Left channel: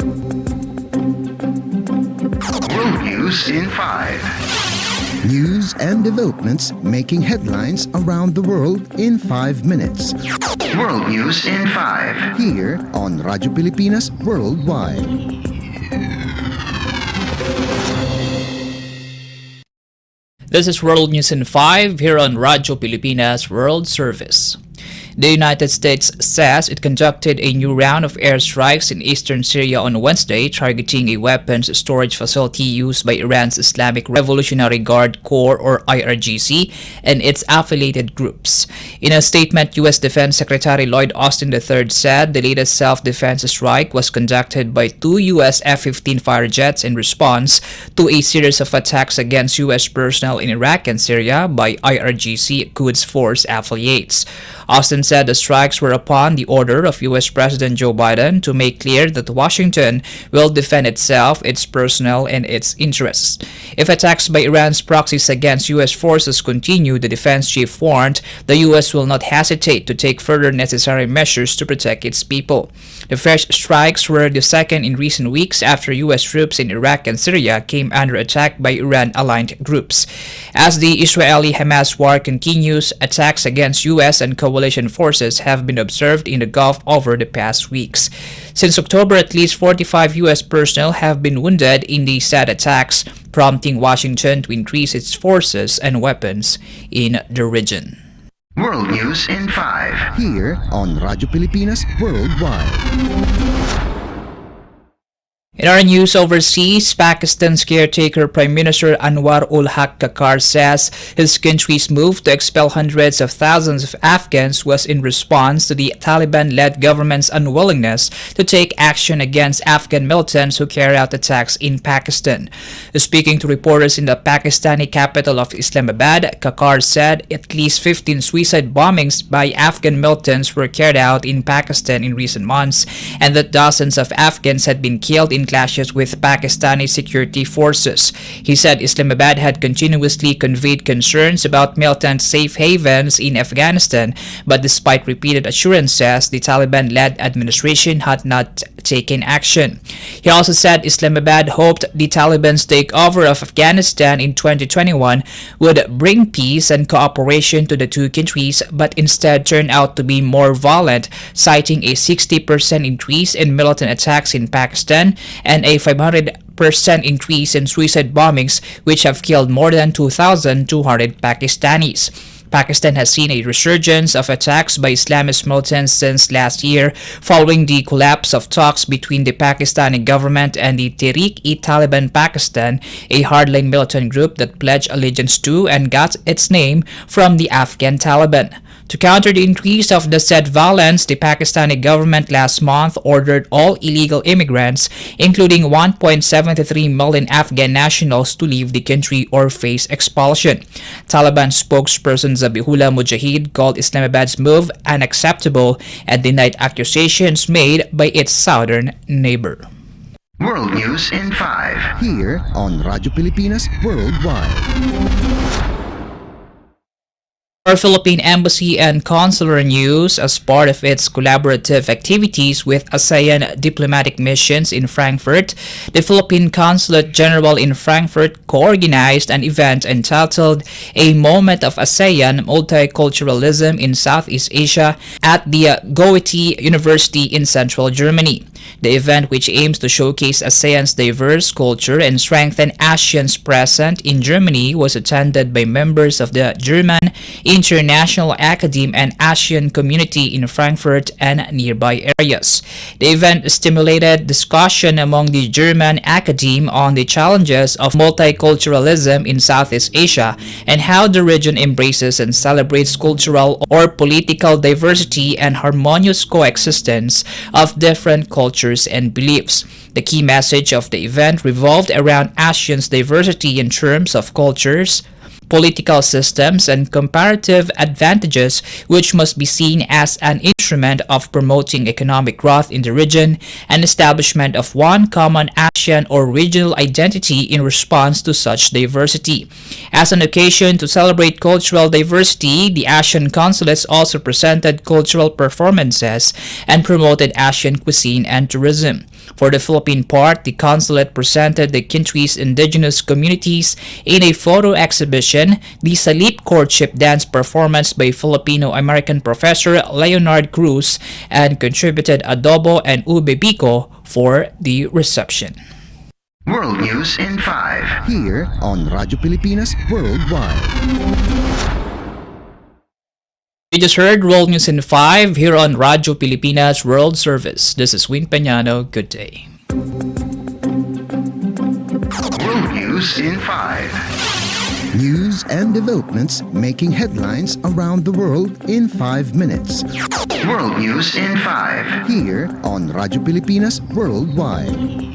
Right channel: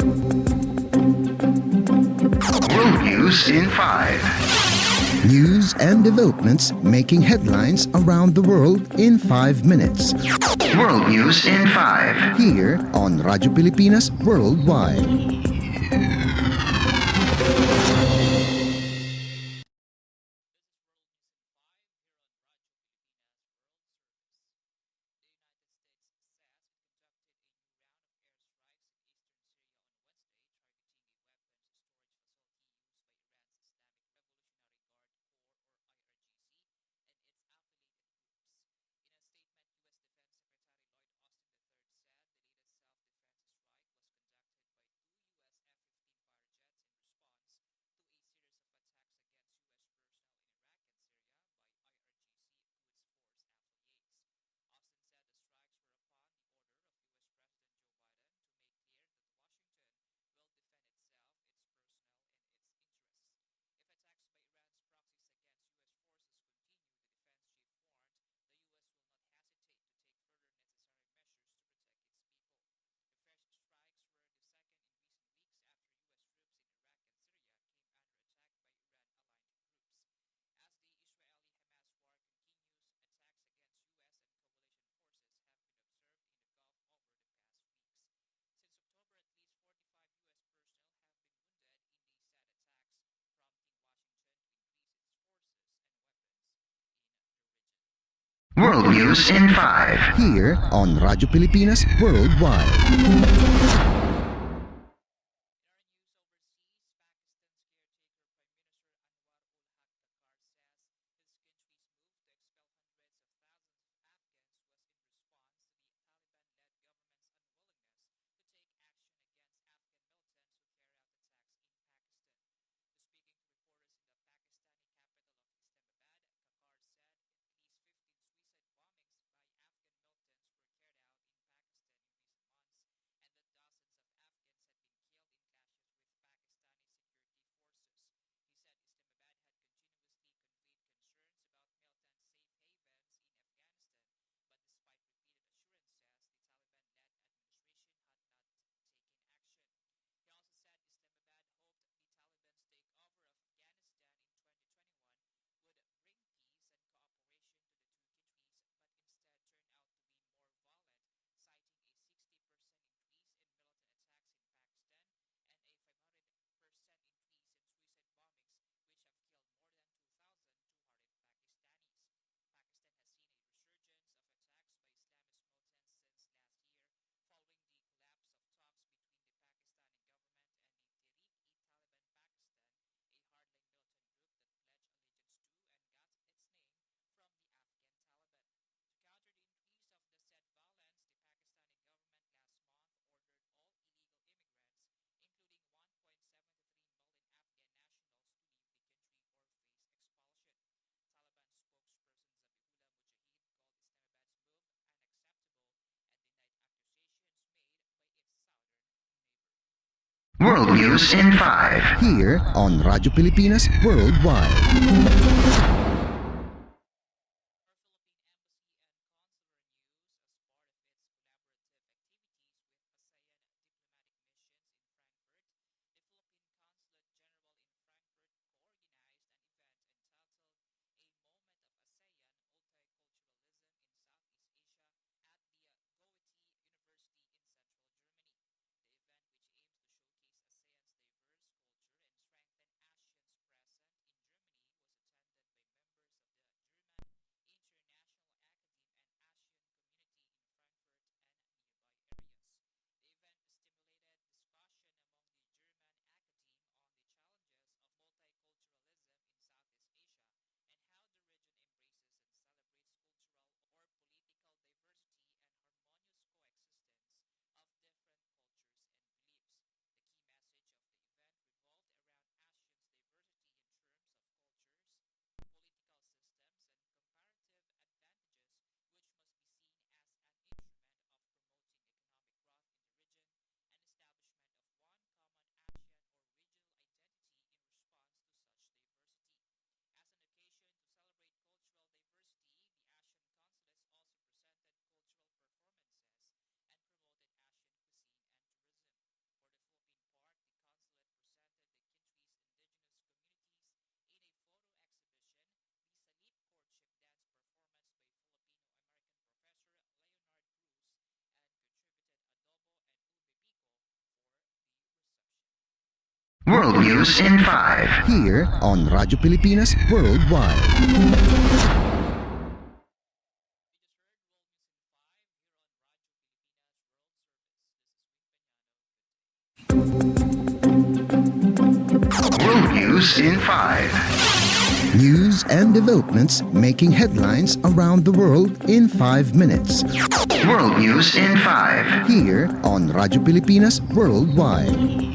World News in 5. News and developments making headlines around the world in 5 minutes. World News in 5. Here on Radyo Pilipinas Worldwide. This is World News in 5 here on Radyo Pilipinas World Service. The United States says it conducted a new round of airstrikes in eastern Syria on Wednesday, targeting a weapons storage facility used by Iran's Islamic Revolutionary Guard Corps or IRGC and its affiliated groups. In a statement, U.S. Defense Secretary Lloyd Austin III said the latest self-defense strike was conducted by 2 U.S. F-15 fighter jets in response to a series of attacks against U.S. personnel in Iraq and Syria by IRGC Quds Force affiliates. Austin said the strikes were upon the order of U.S. President Joe Biden to make clear that Washington will defend itself, its personnel, and its interests. If attacks by Iran's proxies against U.S. forces continue, the defense chief warned the U.S. will not hesitate to take further necessary measures to protect its people. The fresh strikes were the second in recent weeks after U.S. troops in Iraq and Syria came under attack by Iran-aligned groups. As the Israeli-Hamas war continues, attacks against U.S. and coalition forces have been observed in the Gulf over the past weeks. Since October, at least 45 U.S. personnel have been wounded in these sad attacks, prompting Washington to increase its forces and weapons in the region. World News in 5. Here on Radyo Pilipinas Worldwide. In our news overseas, Pakistan's caretaker Prime Minister Anwar ul-Haq Kakar says his country's move to expel hundreds of thousands of Afghans was in response to the Taliban-led government's unwillingness to take action against Afghan militants who carry out attacks in Pakistan. Speaking to reporters in the Pakistani capital of Islamabad, Kakar said at least 15 suicide bombings by Afghan militants were carried out in Pakistan in recent months, and that dozens of Afghans had been killed in clashes with Pakistani security forces. He said Islamabad had continuously conveyed concerns about militant safe havens in Afghanistan, but despite repeated assurances, the Taliban-led administration had not taken action. He also said Islamabad hoped the Taliban's takeover of Afghanistan in 2021 would bring peace and cooperation to the two countries, but instead turned out to be more violent, citing a 60% increase in militant attacks in Pakistan and a 500% increase in suicide bombings, which have killed more than 2,200 Pakistanis. Pakistan has seen a resurgence of attacks by Islamist militants since last year, following the collapse of talks between the Pakistani government and the Tehreek-e-Taliban Pakistan, a hardline militant group that pledged allegiance to and got its name from the Afghan Taliban. To counter the increase of the said violence, the Pakistani government last month ordered all illegal immigrants, including 1.73 million Afghan nationals, to leave the country or face expulsion. Taliban spokesperson Zabihullah Mujahid called Islamabad's move unacceptable and denied accusations made by its southern neighbor. World News in 5. Here on Radyo Pilipinas Worldwide. Our Philippine Embassy and Consular News, as part of its collaborative activities with ASEAN diplomatic missions in Frankfurt, the Philippine Consulate General in Frankfurt co-organized an event entitled A Moment of ASEAN Multiculturalism in Southeast Asia at the Goethe University in central Germany. The event, which aims to showcase ASEAN's diverse culture and strengthen ASEAN's presence in Germany, was attended by members of the German International Academy and ASEAN community in Frankfurt and nearby areas. The event stimulated discussion among the German Academy on the challenges of multiculturalism in Southeast Asia and how the region embraces and celebrates cultural or political diversity and harmonious coexistence of different cultures and beliefs. The key message of the event revolved around ASEAN's diversity in terms of cultures, political systems, and comparative advantages, which must be seen as an instrument of promoting economic growth in the region and establishment of one common ASEAN or regional identity in response to such diversity. As an occasion to celebrate cultural diversity, the ASEAN consulates also presented cultural performances and promoted ASEAN cuisine and tourism. For the Philippine part, the consulate presented the country's indigenous communities in a photo exhibition, the Salip Courtship Dance performance by Filipino-American professor Leonard Cruz, and contributed adobo and ube pico for the reception. World News in 5. Here on Radyo Pilipinas Worldwide. You just heard World News in 5 here on Radyo Pilipinas World Service. This is Win Peñano. Good day. World News in 5. News and developments making headlines around the world in 5 minutes. World News in 5. Here on Radyo Pilipinas Worldwide.